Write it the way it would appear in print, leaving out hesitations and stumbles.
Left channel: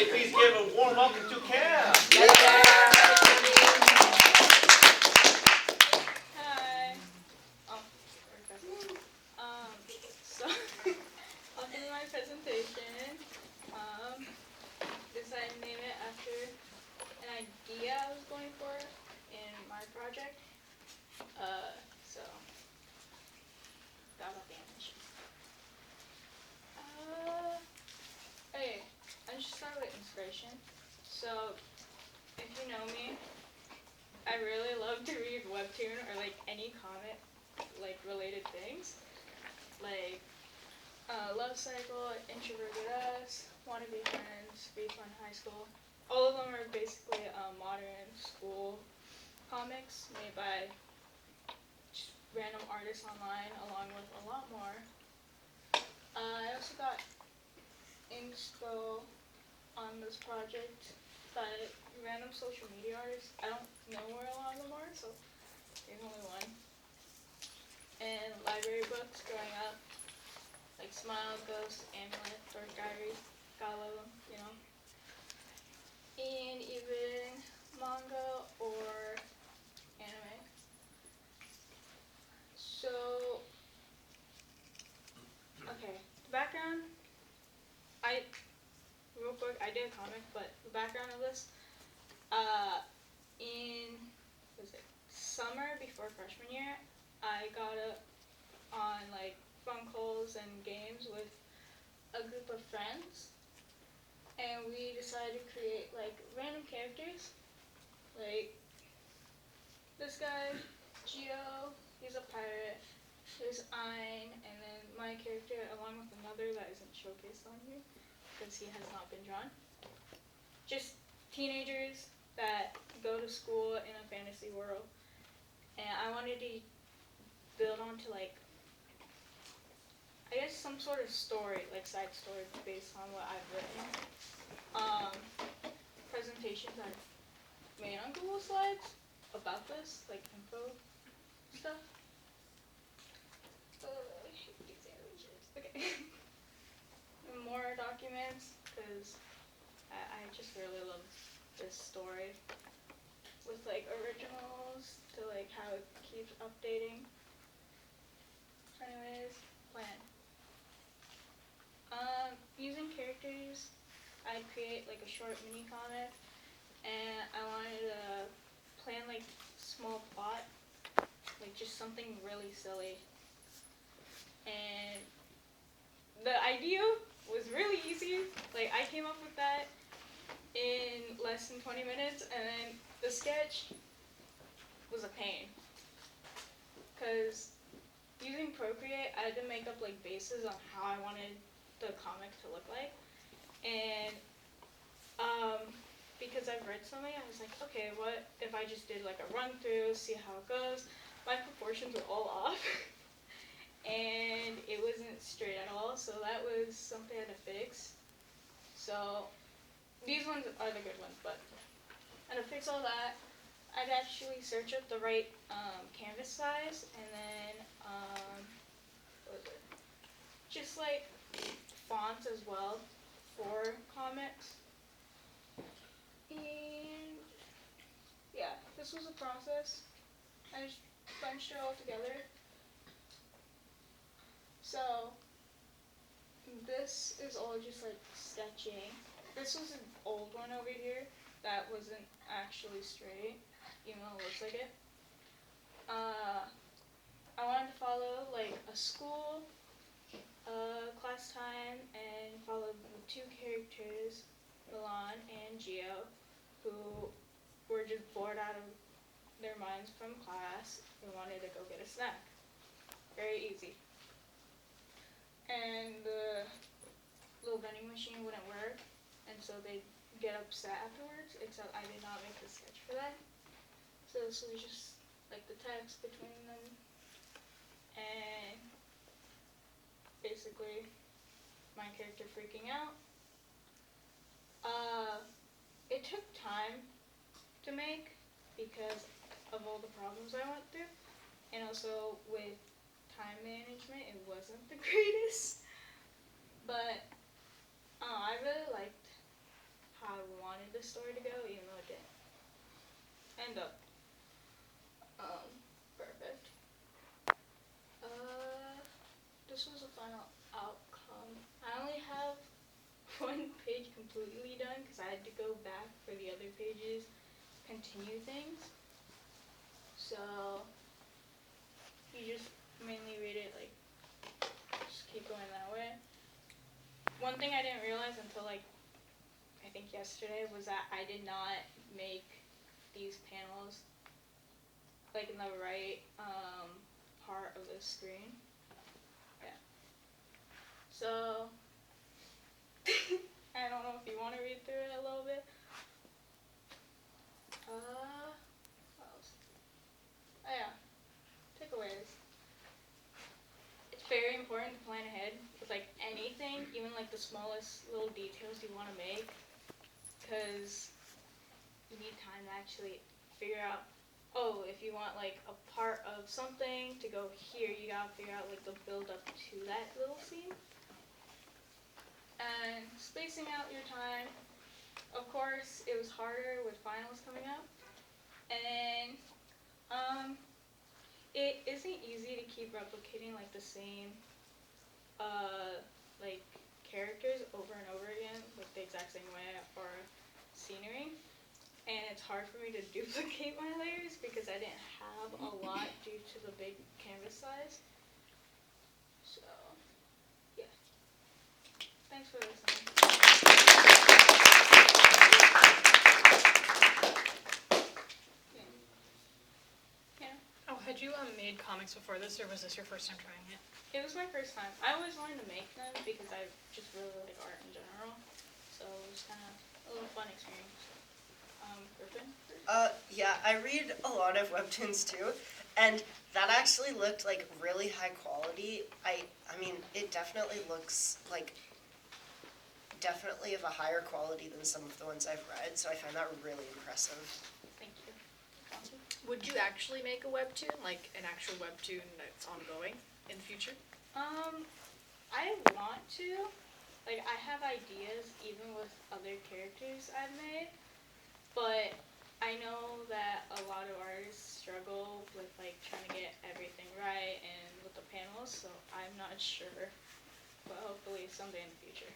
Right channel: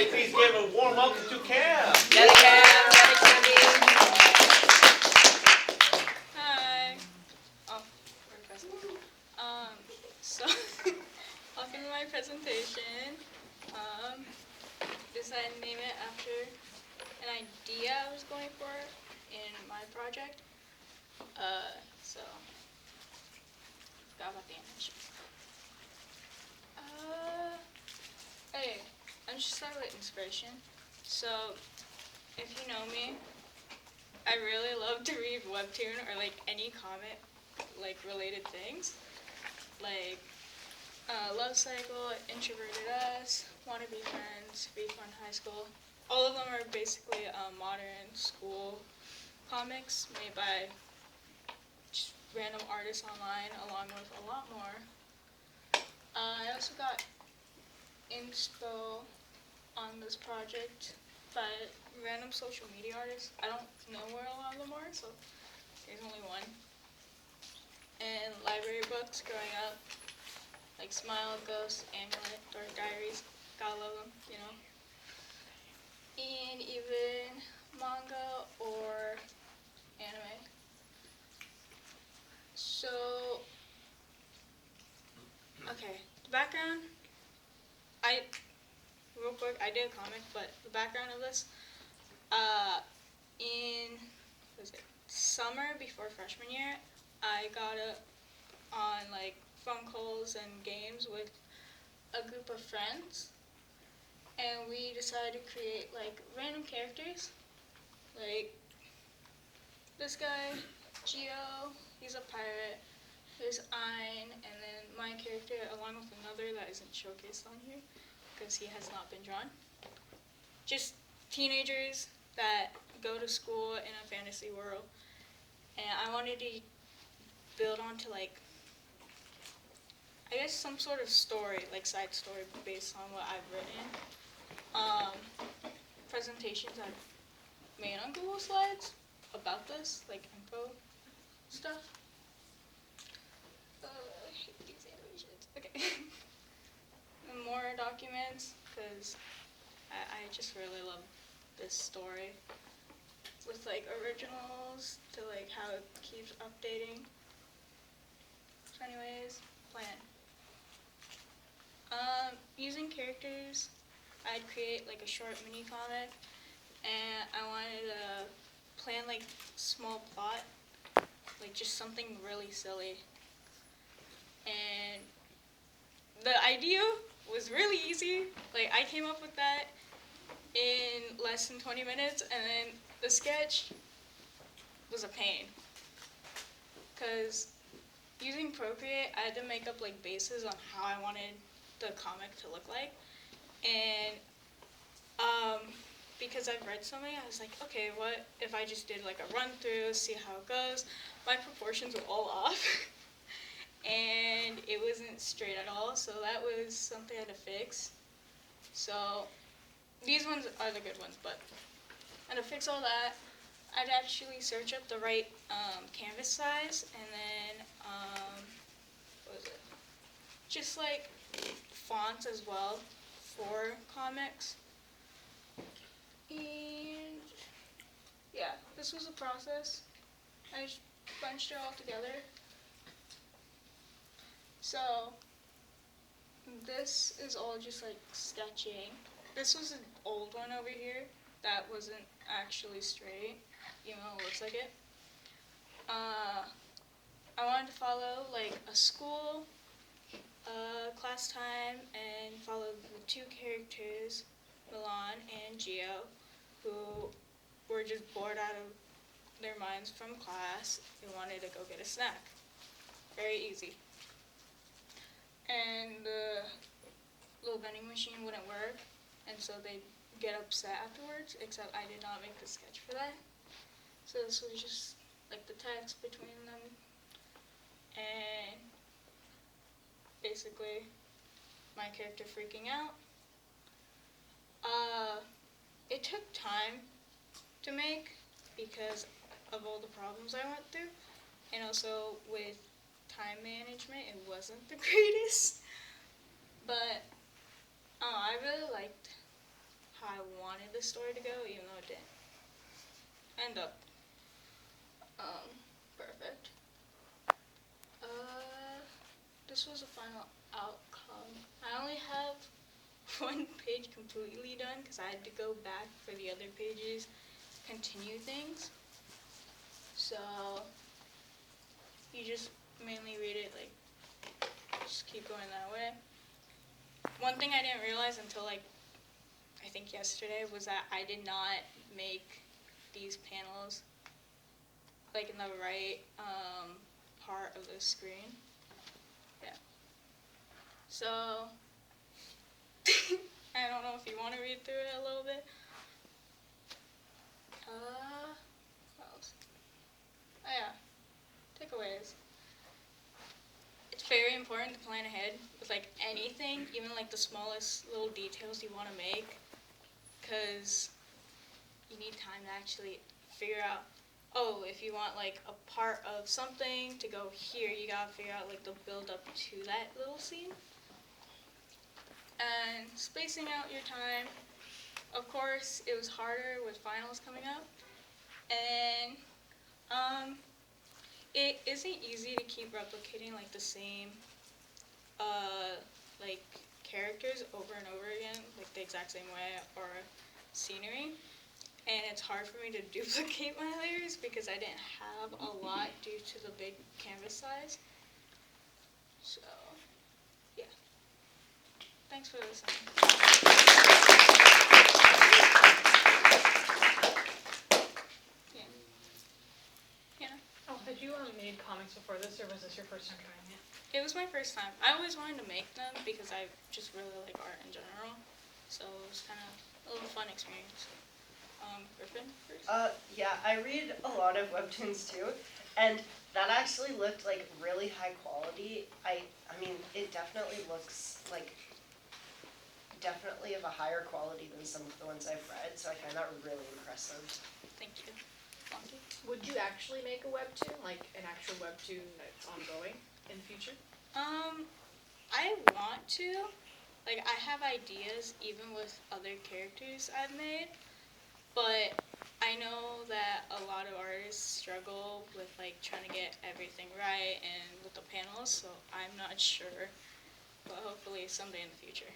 everybody please give a warm welcome to CamM. Hi. Oh, okay. So welcome to my presentation. Decided to name it after an idea I was going for in my project. So forgot about the animation. Okay, I'm just start with inspiration. So if you know me, I really love to read webtoon or like any comic like related things. Like Love Cycle, Introverted Us, Wanna Be Friends, Be Fun High School. All of them are basically modern school comics made by just random artists online, along with a lot more. I also got inspo on this project by random social media artists. I don't know where a lot of them are, so there's only one. And library books growing up, like Smile, Ghost, Amulet, or Diaries. Gotta love them, you know. And even manga or anime. So, okay, the background, real quick, I did a comic, but the background of this, in, summer before freshman year, I got on, like, phone calls and games with a group of friends, and we decided to create, like, random characters, like, this guy, Geo, he's a pirate, there's Ein, and then my character, along with another that isn't showcased on here, because he has not been drawn. Just teenagers that go to school in a fantasy world, and I wanted to build onto, like, I guess some sort of story, like side story based on what I've written. Presentations I've made on Google Slides about this, like info stuff. I hate these animations. Okay. And more documents, because I just really love this story. With like originals to like how it keeps updating. So anyways, plan. Using characters, I'd create like a short mini comic, and I wanted to plan like small plot, like just something really silly. And the idea was really easy. Like I came up with that in less than 20 minutes, and then the sketch was a pain. Because using Procreate, I had to make up like bases on how I wanted the comic to look like. And because I've read so many, I was like, okay, what if I just did like a run through, see how it goes? My proportions were all off. And it wasn't straight at all, so that was something I had to fix. So these ones are the good ones, but I had to fix all that. I'd actually search up the right canvas size, and then what was it? Just like fonts as well for comics. And yeah, this was a process. I just bunched it all together. So this is all just like sketching. This was an old one over here that wasn't actually straight, even though it looks like it. I wanted to follow like a school, class time, and follow the two characters, Milan and Geo, who were just bored out of their minds from class and wanted to go get a snack. Very easy. And the little vending machine wouldn't work, and so they'd get upset afterwards, except I did not make a sketch for that. So this was just like the text between them, and basically my character freaking out. It took time to make because of all the problems I went through, and also with time management, it wasn't the greatest. But I really liked wanted the story to go, even though it didn't end up perfect. This was the final outcome. I only have one page completely done because I had to go back for the other pages, continue things. So you just mainly read it like, just keep going that way. One thing I didn't realize until like, I think yesterday, was that I did not make these panels like in the right part of the screen. Yeah. So, I don't know if you want to read through it a little bit. What else? Oh yeah, takeaways. It's very important to plan ahead with like anything, even like the smallest little details you want to make, because you need time to actually figure out, oh, if you want like a part of something to go here, you gotta figure out like the build up to that little scene. And spacing out your time. Of course, it was harder with finals coming up. And it isn't easy to keep replicating like the same like characters over and over again, like the exact same way, or scenery. And it's hard for me to duplicate my layers because I didn't have a lot due to the big canvas size. So, yeah. Thanks for listening. Yeah. Yeah. Oh, had you made comics before this, or was this your first time trying it? It was my first time. I always wanted to make them because I just really like art in general. So it was kind of a little fun experience. Griffin? Yeah, I read a lot of webtoons too, and that actually looked like really high quality. I mean, it definitely looks like definitely of a higher quality than some of the ones I've read, so I find that really impressive. Thank you. Monty? Would you actually make a webtoon, like an actual webtoon that's ongoing in the future? I want to. Like, I have ideas even with other characters I've made, but I know that a lot of artists struggle with like trying to get everything right and with the panels, so I'm not sure, but hopefully someday in the future.